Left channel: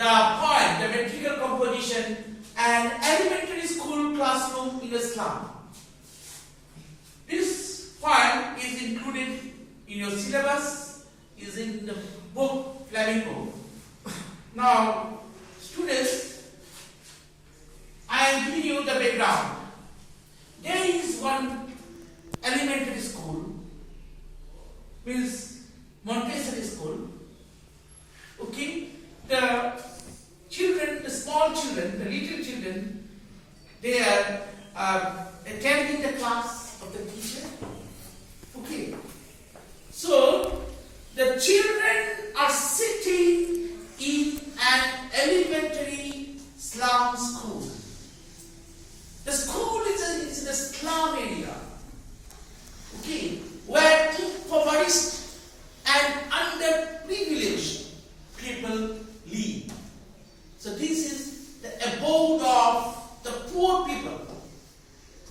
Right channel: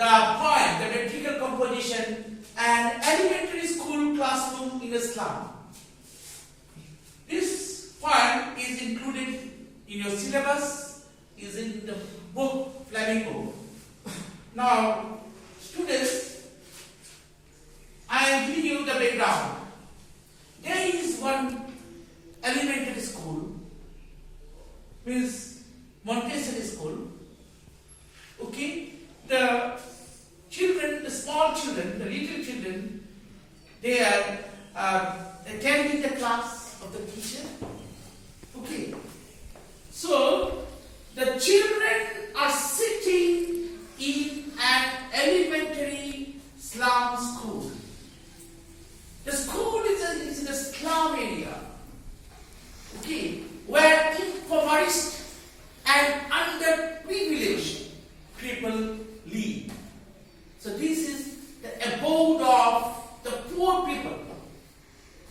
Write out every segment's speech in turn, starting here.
the point, the metrical composition, and elementary school classroom in a slum. This point is included in your syllabus, is in the book, Flamenco. Now, students, I am giving you the background. There is one elementary school, means Montessori school. Okay, the children, the small children, the little children, they are attending the class of the teacher. Okay, so the children are sitting in an elementary slum school. The school is in a slum area. Okay, where impoverished and underprivileged people live. So this is the abode of the poor people.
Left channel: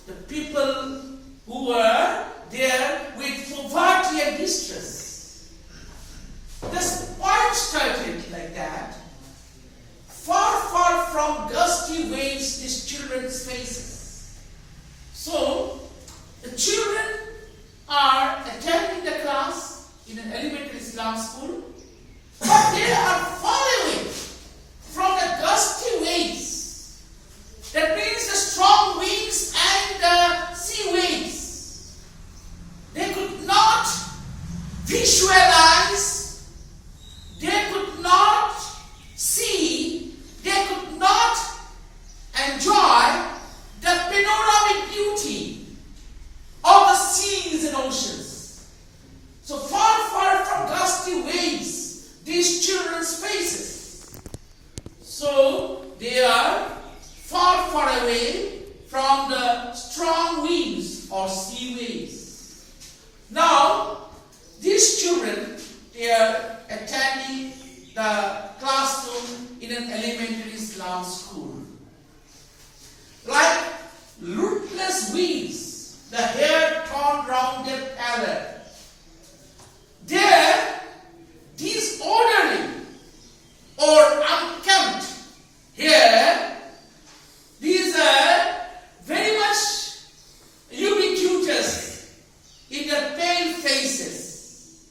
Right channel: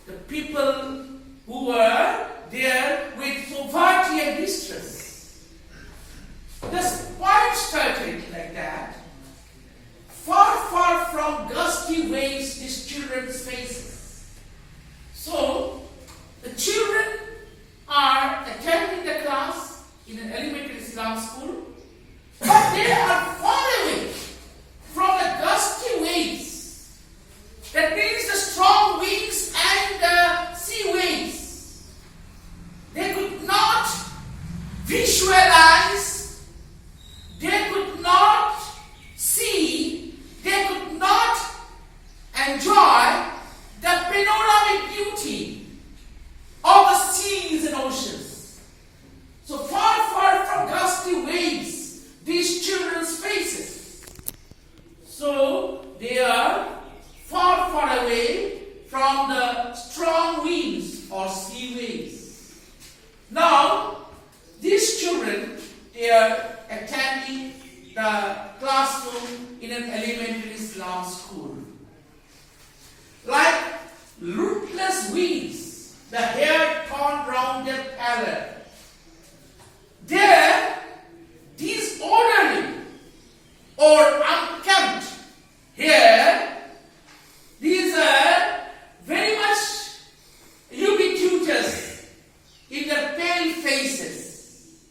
The people who are there with poverty and distress. This point started like that. Far, far from gusty waves, these children's faces. So, the children are attending the class in an elementary slum school, but they are far away from the gusty waves. That means the strong winds and the sea waves. They could not visualize, they could not see, they could not enjoy the panoramic beauty of the seas and oceans. So far, far from gusty waves, these children's faces. So they are far, far away from the strong winds or sea waves. Now, these children, they are attending the classroom in an elementary slum school. Like rootless winds, the hair torn round their parrot. There, disorderly or unkempt hair, these are very much ubiquitous in the pale faces.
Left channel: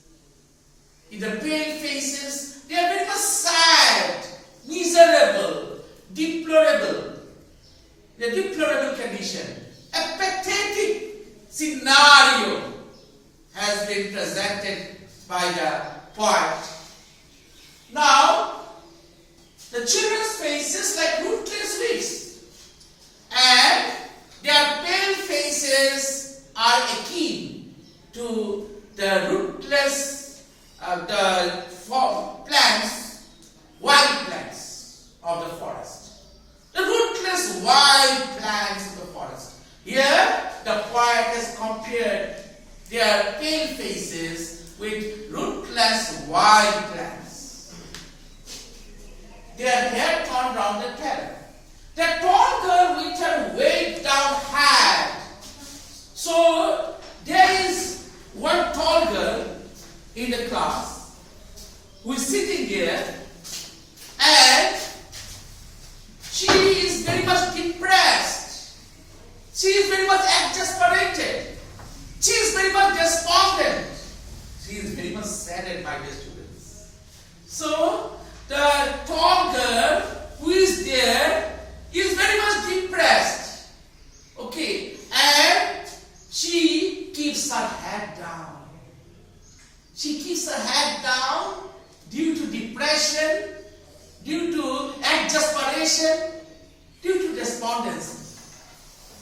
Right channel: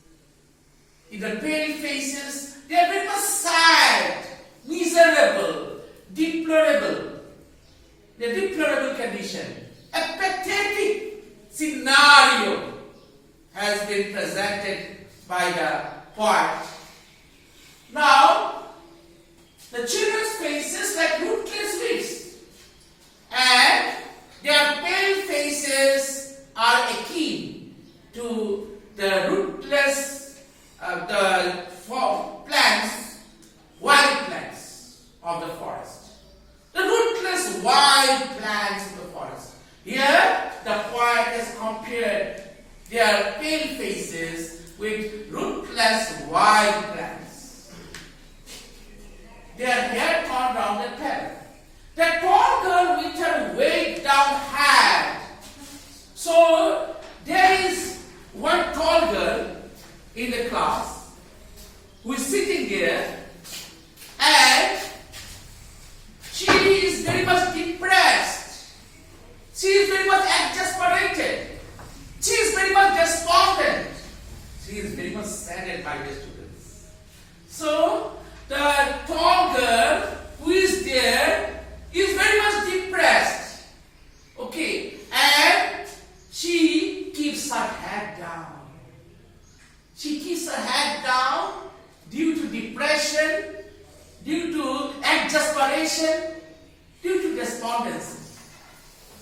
In the pale faces, they are very much sad, miserable, deplorable. The deplorable condition. A pathetic scenario has been presented by the poet. Now, the children's faces like rootless weeds, and their pale faces are akin to the rootless plants, wild plants of the forest. The rootless wild plants of the forest. Here, the poet has compared their pale faces with rootless wild plants. Their hair torn round their parrot. The tall girl with her weighed down hat. So, there is one tall girl in the class who is sitting there, and she is very much depressed. She is very much exasperated. She is very much despondent. She is very much saddened by the students. So, the tall girl who is there is very much depressed. Okay, and she keeps her head down. She keeps her head down due to depression, due to exasperation, due to despondency.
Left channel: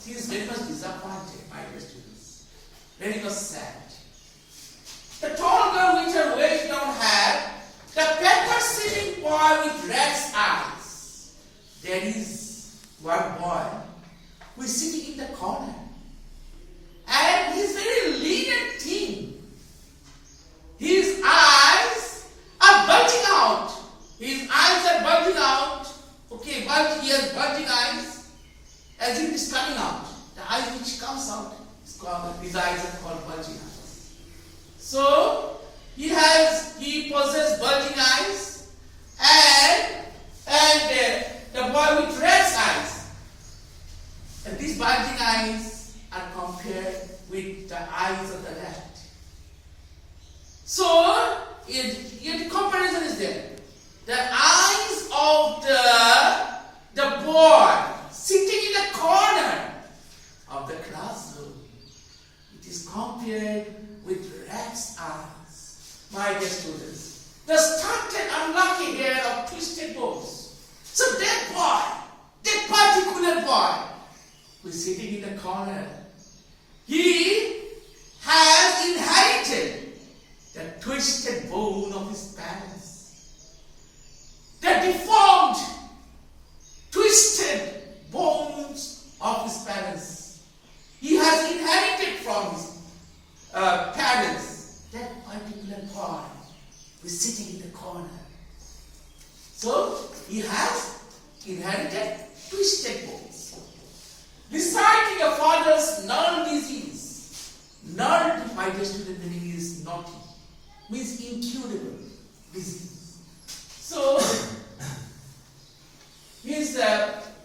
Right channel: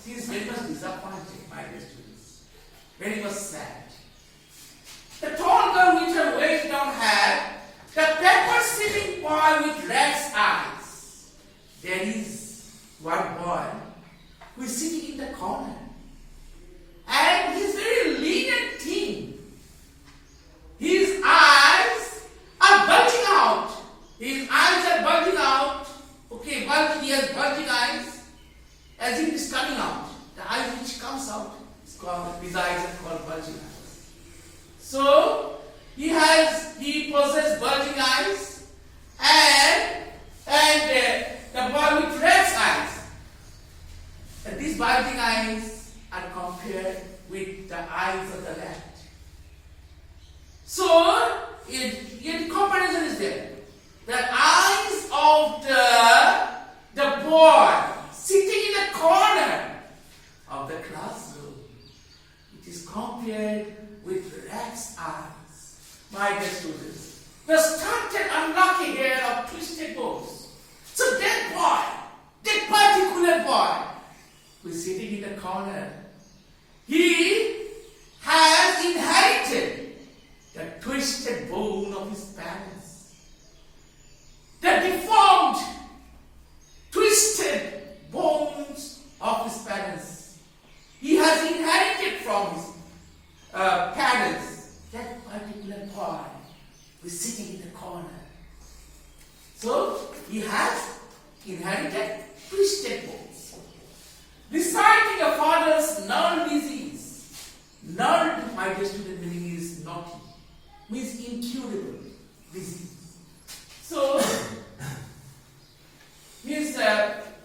She is very much disappointed, my dear students. Very much sad. The tall girl with her weighed down head, the pepper-sitting boy with red eyes. There is one boy who is sitting in the corner. And he is very lean and thin. His eyes are bulging out. His eyes are bulging out. Okay, but he has bulging eyes as if it is coming out. The eye which comes out is called, his eyes are called bulging eyes. So he possesses bulging eyes, and the eyes of the boy sitting in the corner of the classroom, it is compared with rat's eyes. My dear students, the stunted, unlucky hair of twisted bones. So that boy, that particular boy who is sitting in the corner, he has inherited the twisted bone of his parents. The deformed, twisted bones of his parents. He has inherited from his parents. That particular boy who is sitting in the corner. So he has inherited twisted bones. Reciting a father's null disease. Null, my dear student, meaning is naughty. Means incurable disease. So, means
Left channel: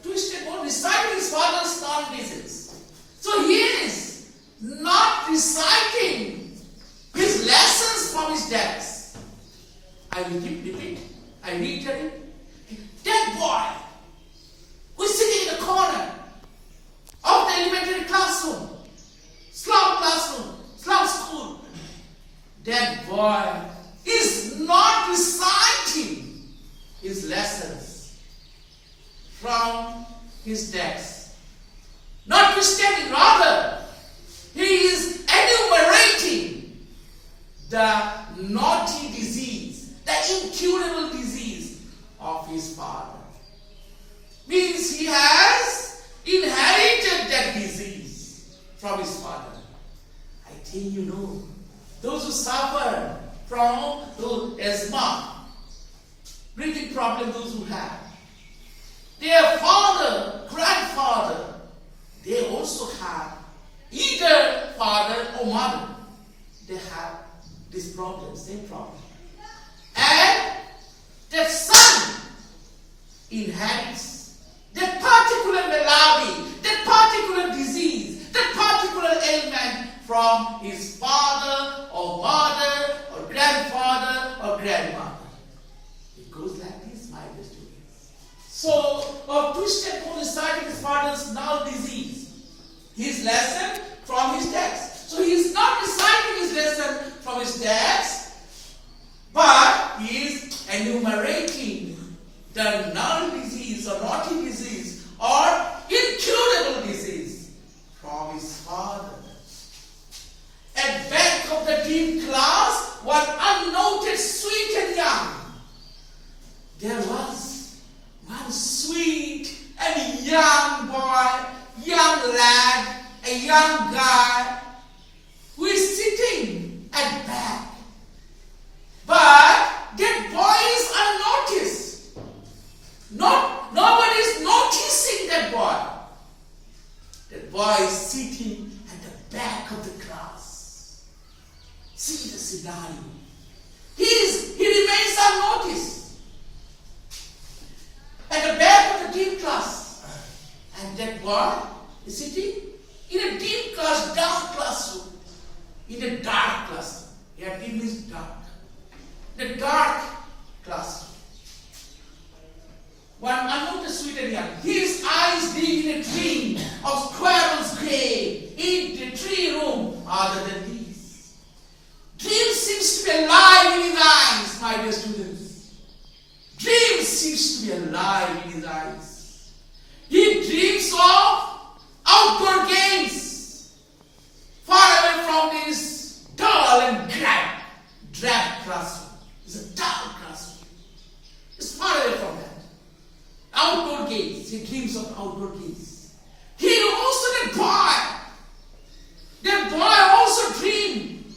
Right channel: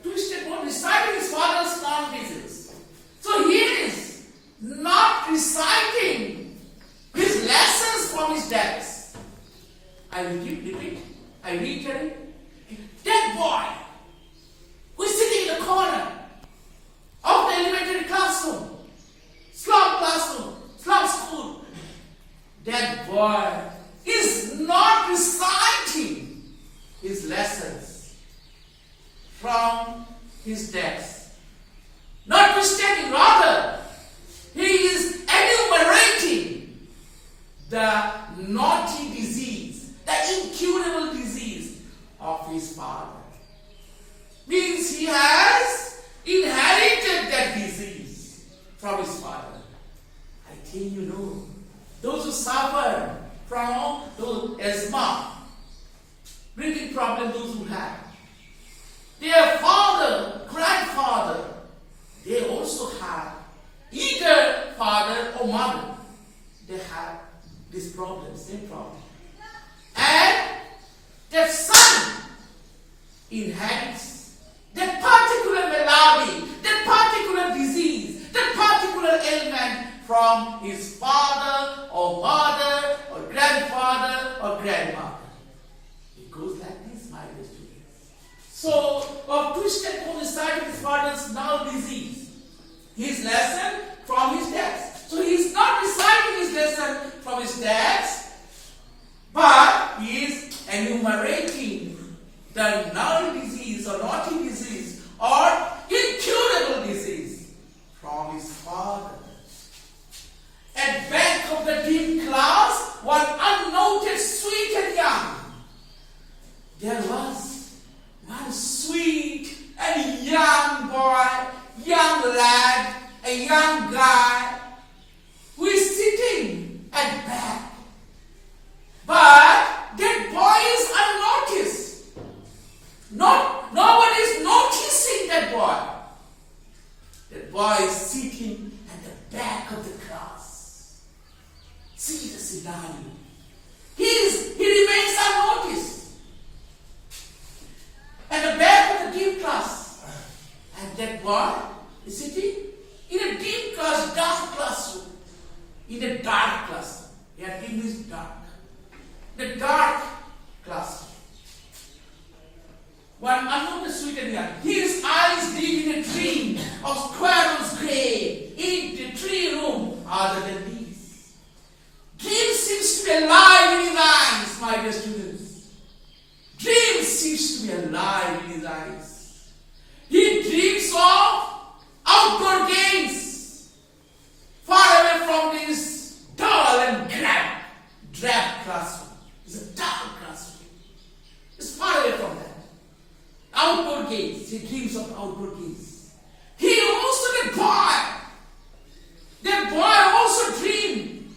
twisted bone, reciting his father's null disease. So he is not reciting his lessons from his dads. I repeat, I reiterate. That boy who is sitting in the corner of the elementary classroom, slum school, that boy is not reciting his lessons from his text. Notwithstanding, rather, he is enumerating the naughty disease, the incurable disease of his father. Means he has inherited that disease from his father. I think you know, those who suffer from asthma, breathing problem, those who have, their father, grandfather, they also have, either father or mother, they have this problem, same problem. And the son inherits that particular malady, that particular disease, that particular ailment from his father or mother or grandfather or grandmother. It goes like this, my dear students. So, a twisted bone recited his father's null disease, his lesson from his dads. So he is not reciting his lesson from his dads, but he is enumerating the null disease or naughty disease or incurable disease from his father. At back of the teen class, one unnoticed, sweet and young, there was one sweet and young boy, young lad, a young guy who is sitting at back. But that boy is unnoticed. Nobody is noticing that boy. That boy is sitting at the back of the class. See the scenario. He remains unnoticed. At the back of the deep class. And that boy is sitting in a deep class, dark classroom. In a dark classroom. Here deep means dark. The dark classroom. One unnoticed, sweet and young. His eyes live in a dream of squirrels grey in the tree room other than these. Dream seems to be alive in his eyes, my dear students. Dream seems to be alive in his eyes. He dreams of outdoor games, far away from this dull and drab classroom. It's a dull classroom. It's far away from that. Outdoor games. He dreams of outdoor games. He also, that boy also dreamed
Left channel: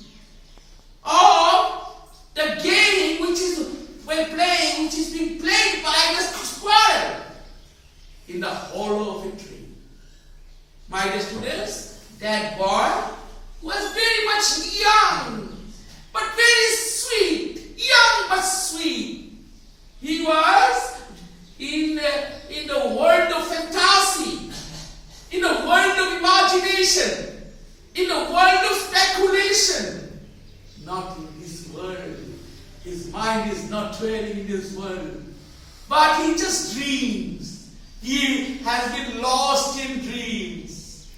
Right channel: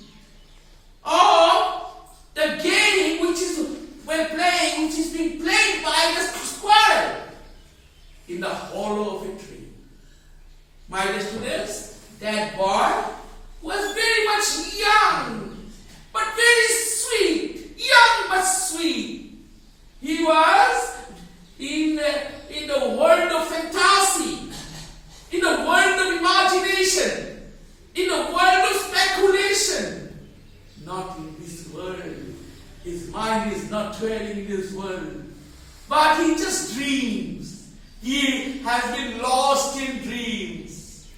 of the game which is being played by the squirrel in the hollow of a tree. My dear students, that boy was very much young, but very sweet. Young but sweet. He was in the world of fantasy, in the world of imagination, in the world of speculation. Not in this world. His his mind is not dwelling in this world, but he just dreams. He has been lost in dreams.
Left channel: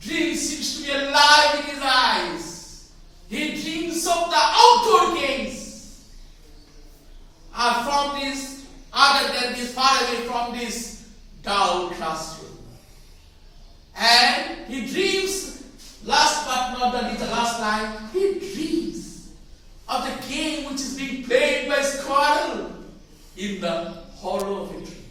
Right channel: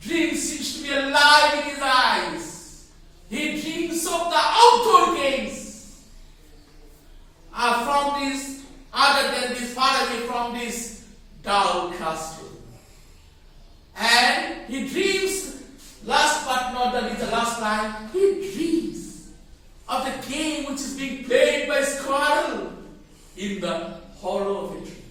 Dream seems to be alive in his eyes. He dreams of the outdoor games. From this, other than this, far away from this dull classroom. And he dreams, last but not the least, the last line, he dreams of the game which is being played by squirrel in the hollow of a tree.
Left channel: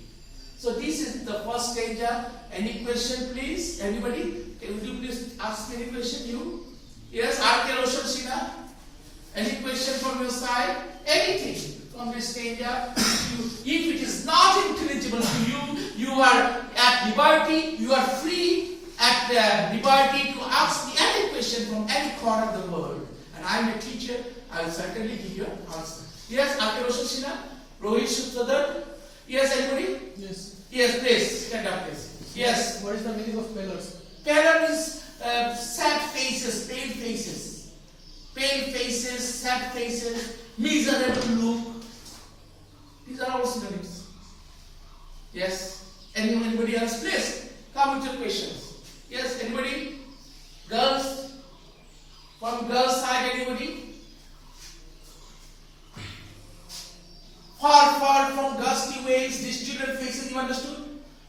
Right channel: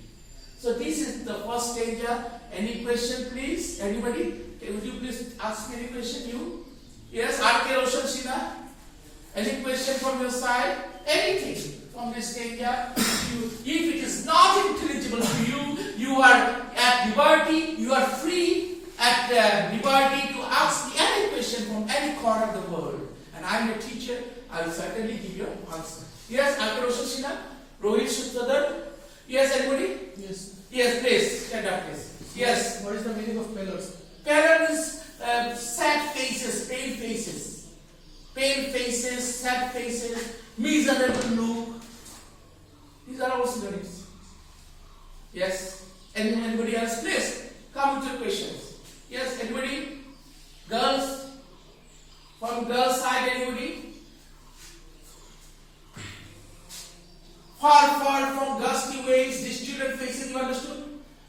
So this is the first stanza. Any question, please? Anybody? Would you please ask me any question? You? Yes, R.K. Roshan Sina? Any question from your side? Anything from this stanza? If it is not intelligible to you, you are at liberty, you are free at liberty to ask me any question from any corner of the world. And I am a teacher, I will certainly give you an answer. Yes, R.K. Roshan Sina? Rohit Sutradhar? Yes, anybody? Yes. Yes, please. Stand up, please. Yes. What is the meaning of pillars? Pillar is sad faces, pale faces. Pale faces, sad faces, miserable look. These are all synonyms. Yes. Anybody else? Please come with your questions. Yes, anybody? Girls? From girls' side, anybody? Far from gusty ways, distorted faces, you understood?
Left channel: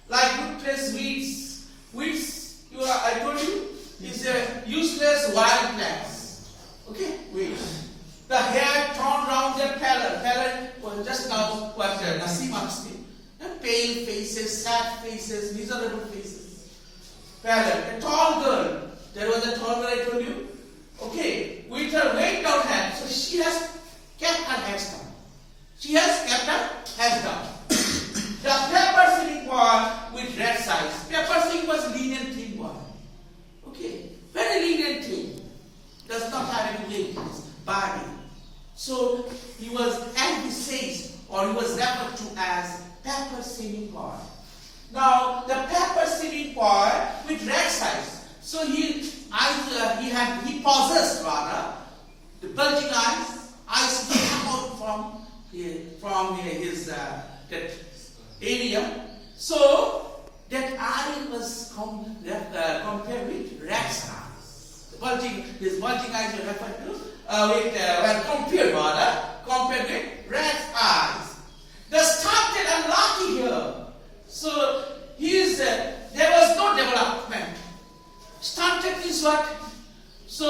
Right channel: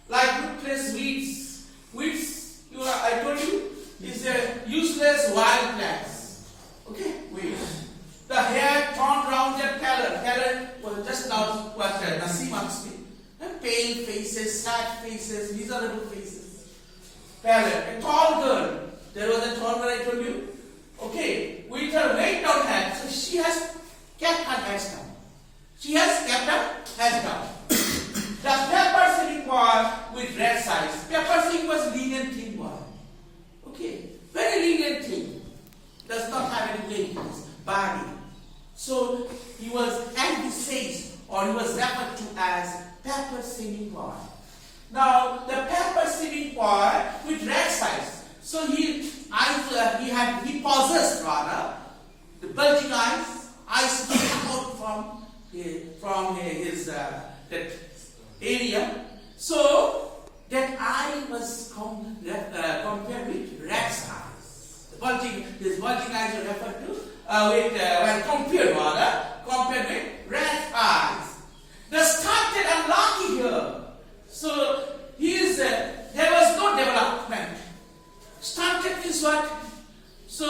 Like rootless weeds. Weeds, I told you, is a useless wild plants. Okay? Weeds. The hair torn round their pallor. Pallor was just now what Nasim asked me. Pale faces, sad faces, miserable faces. Pallor. A tall girl. There was a tall girl I told you. Okay. With her weight down hand. So she has kept her hands down. She has kept her hands down. The pepper singing boy with red sides. Pepper singing was lean and thin boy. Okay. Very lean and thin. Does not have any weight in his body. So he was emphasized or he was referred to as pepper singing boy. Now the pepper singing boy with red sides. So he possessed rather the bulging eyes came out from his that area. So that eye was compared with rat's eyes. His bulging eyes were referred to compared with rat's eyes. The stunted unlucky here. So there was no development. Stunted is what? So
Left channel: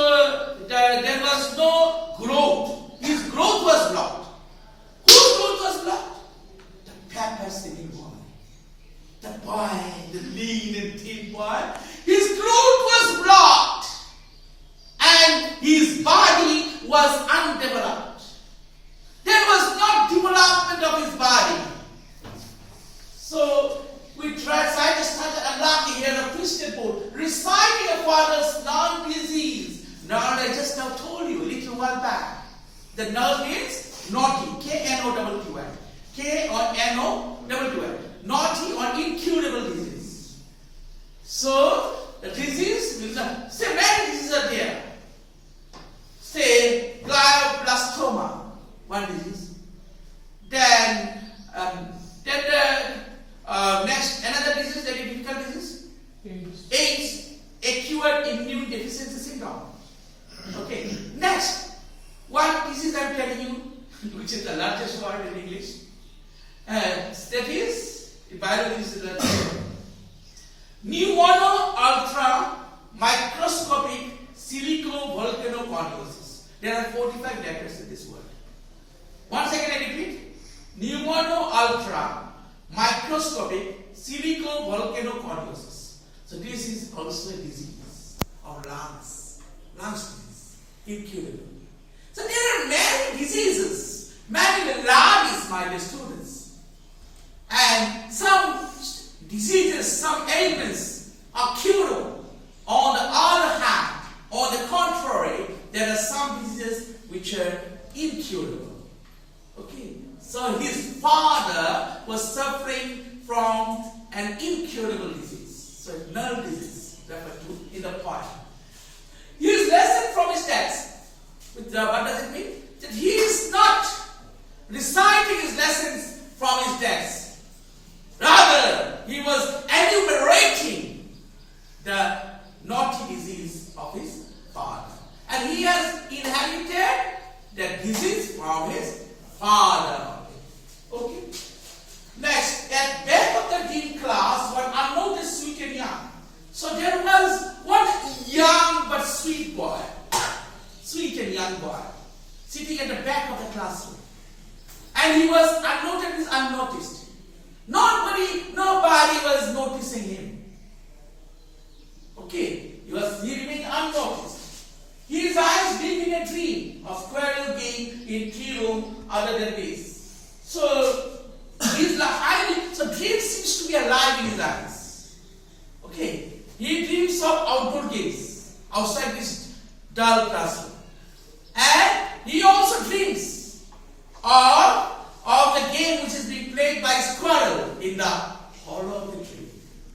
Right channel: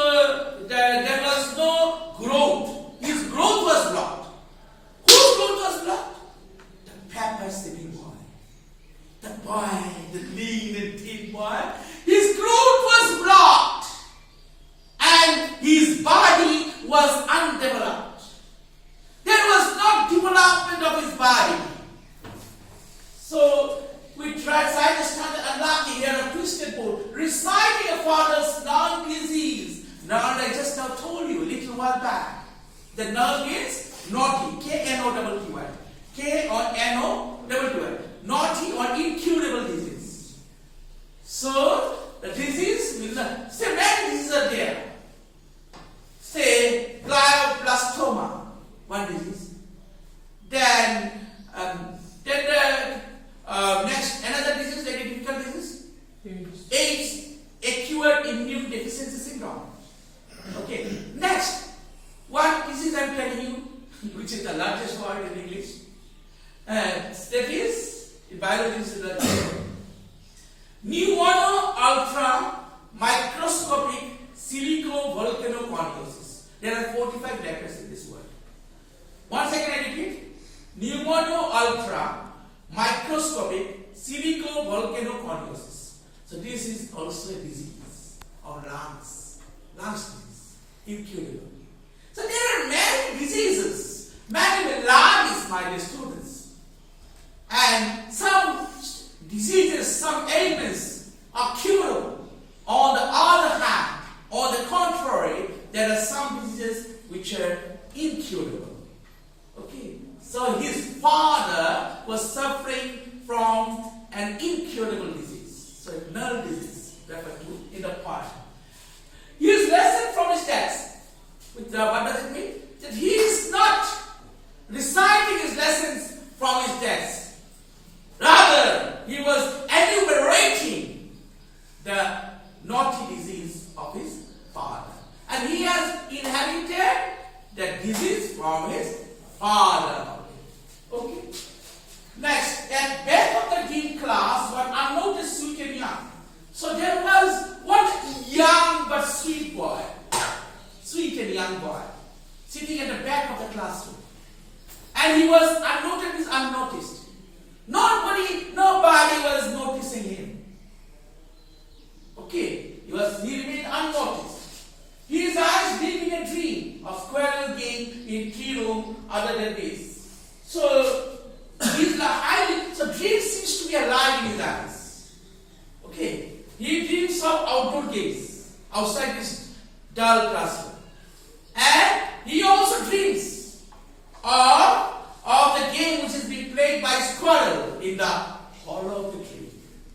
there was no growth. His growth was blocked. Whose growth was blocked? The pepper singing boy. The boy, the lean and thin boy. His growth was blocked. And his body was undeveloped. There was no development of his body. So we tried to start unlucky here a twisted boat, reciting a father's non-disease. Now I just now told you a little while back. The nerve means naughty, K-N-O-T-T-Y. K-N-O-T-T-Y. Naughty or incurable disease. So the disease will not. Say many diseases are there. Say glioblastoma, one disease. Then next another disease, very difficult disease. AIDS, acute immune deficiency syndrome. Okay. Next, what disease I'm telling you, which is the largest word in English. That is, in biology is the pneumono ultra microscopic silicovolcanoconiosis. There are 45 letters in this word. Once again I repeat. Pneumono ultra microscopic silicovolcanoconiosis. So this is also a disease of lungs. Lungs disease. Incurable. So there are many diseases, many maladies, my dear students. And some diseases, some ailments are curable. On the other hand, on the contrary, there are some diseases which are incurable. Okay. So his father was suffering from an incurable disease. So nerve disease, referred to in the part. His lesson from his text, what does it mean? That he is not reciting his lessons from his desk. Rather, he was enumerating the naughty disease of his father. And he has inherited that disease from his father. Okay. Next, at back of the dean class, one unnoticed, sweet and young. So there was one young but sweet boy, sweet and young boy, sitting at the back of the classroom. And he was unnoticed. Nobody was noticing him. Okay, he remained unnoticed. His eyes living a dream of squirrel game in tree room other than this. So dream seems to be alive in his eyes. Okay, he dreams of outdoor games outside this dull classroom. And he also dreams of the game which is being played by squirrel in the hollow of the tree.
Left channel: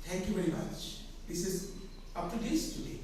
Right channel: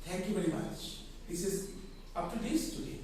Thank you very much. This is up to this today.